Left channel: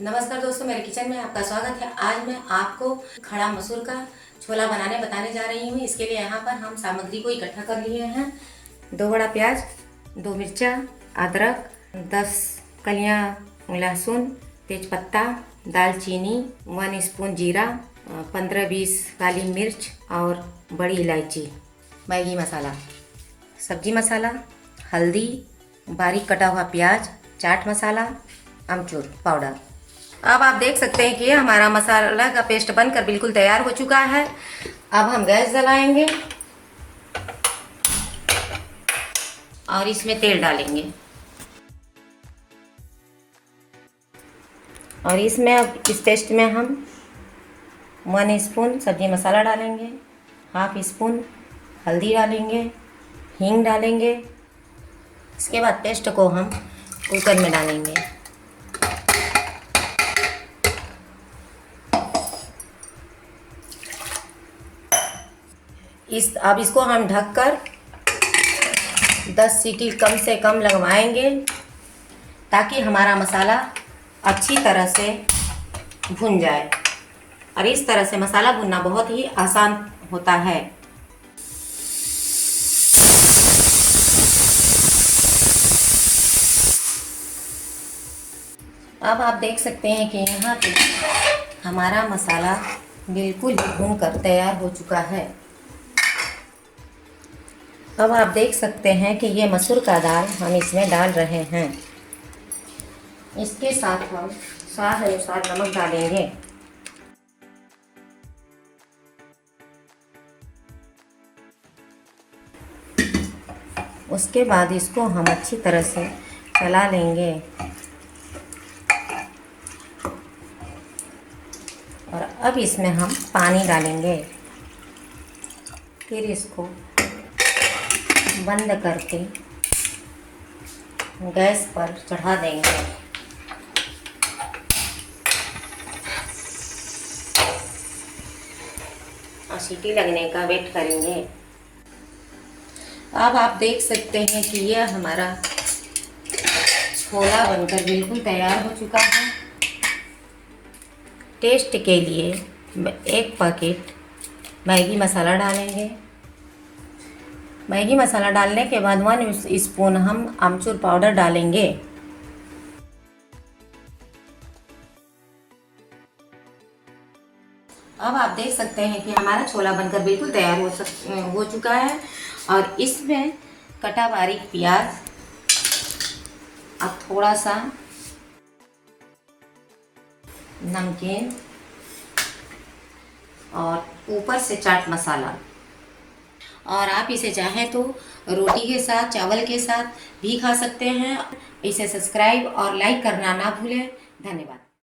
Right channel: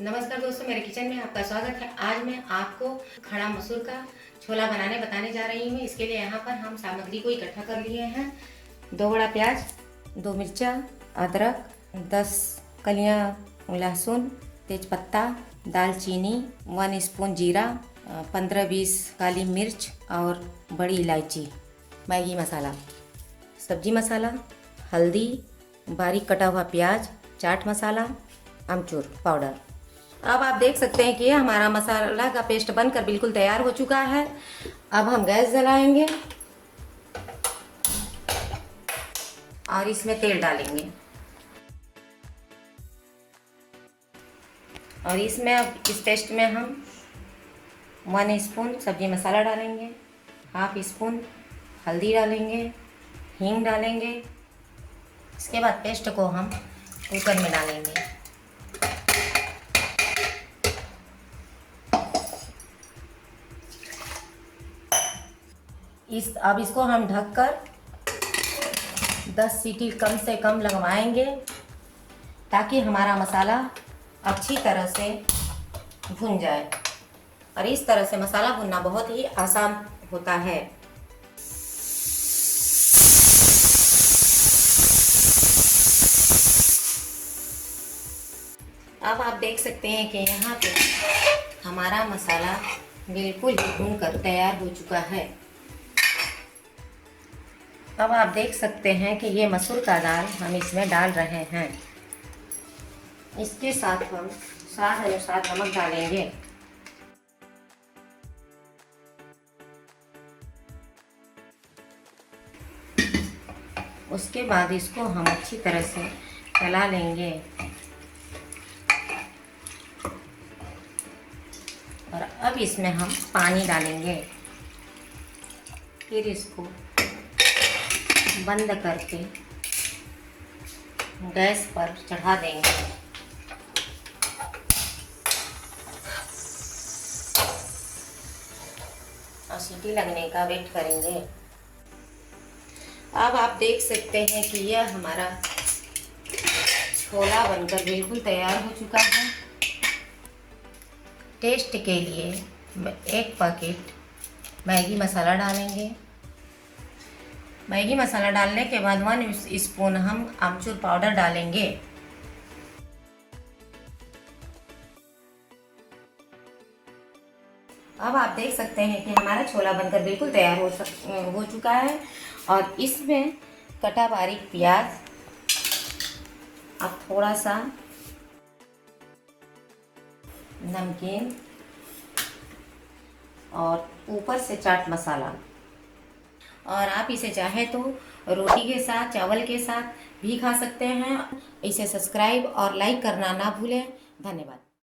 नमस्कार दोस्तों, मेरे किचन में आपका स्वागत है। आज मैं आपको खड़ा मसूर का छोला बताने जा रही हूँ। इसके लिए यहाँ पर हम सामग्री को इकट्ठा कर लिए हैं। 2 बड़ा प्याज, 2 मिर्चा, अदरक, 10 कलियाँ लहसुन, तेजपत्ता, दालचीनी, 1 स्पून जीरा, 15-20 काली मिर्च और बड़ी इलायची, मैगी मसाला, सब्जी मसाला, हल्दी, बारीक कटा हुआ प्याज, चाट मसाला, अमचूर पाउडर। अब आप देख सकते हैं कि हमारा मसाला का पेस्ट बनकर बिल्कुल तैयार हो चुका है। अब हम गैस जलाएंगे और इसमें तेल डालेंगे और इसमें अब इस पेस्ट में हम 1 स्पून सब्जी मसाला डालेंगे, 1/2 स्पून हल्दी डालेंगे, हींग डालेंगे। इसके बाद पेस्ट को हम कुकर में डालेंगे। अब इसको हम ढककर 10 सीटी कम से कम लगवाएंगे ताकि हमारा मसाला अच्छी तरह से भुन जाए। और इस तरह से मसाला भुनना बहुत ही आसान होता है। अब आप देख सकते हैं कि यहाँ पे हमारा मसाला बिल्कुल ही भुन कर तैयार हो चुका है। अब आप देख सकते हैं कि ये मसूर का दाल हम इसमें डाल रहे हैं। इसके साथ हम स्वाद अनुसार नमक डालेंगे। उसके बाद इसको हम अच्छी तरह से चला लेंगे और अब इसमें हम पानी डालेंगे। फिर इसको बंद करके गैस पर चढ़ा देंगे। और सीटी लगने का वेट करेंगे। अब आप देख सकते हैं कि यह हमारा छोला बनकर बिल्कुल तैयार हो चुका है। टेस्ट के लिए 1 पैकेट मैगी मसाला डालेंगे। मैगी मसाला डालने के बाद 1 स्पून हम अमचूर पाउडर डालेंगे। अब आप देख सकते हैं कि हमारा छोला बनकर बिल्कुल तैयार हो चुका है। और इसमें कटा बारीक प्याज, अब थोड़ा सा नमकीन और ऊपर से चाट मसाला। और आप इसे चाहें तो रोटी के साथ, चावल के साथ भी खा सकते हैं। इसे सब्सक्राइब और लाइक करना ना भूलें। धन्यवाद।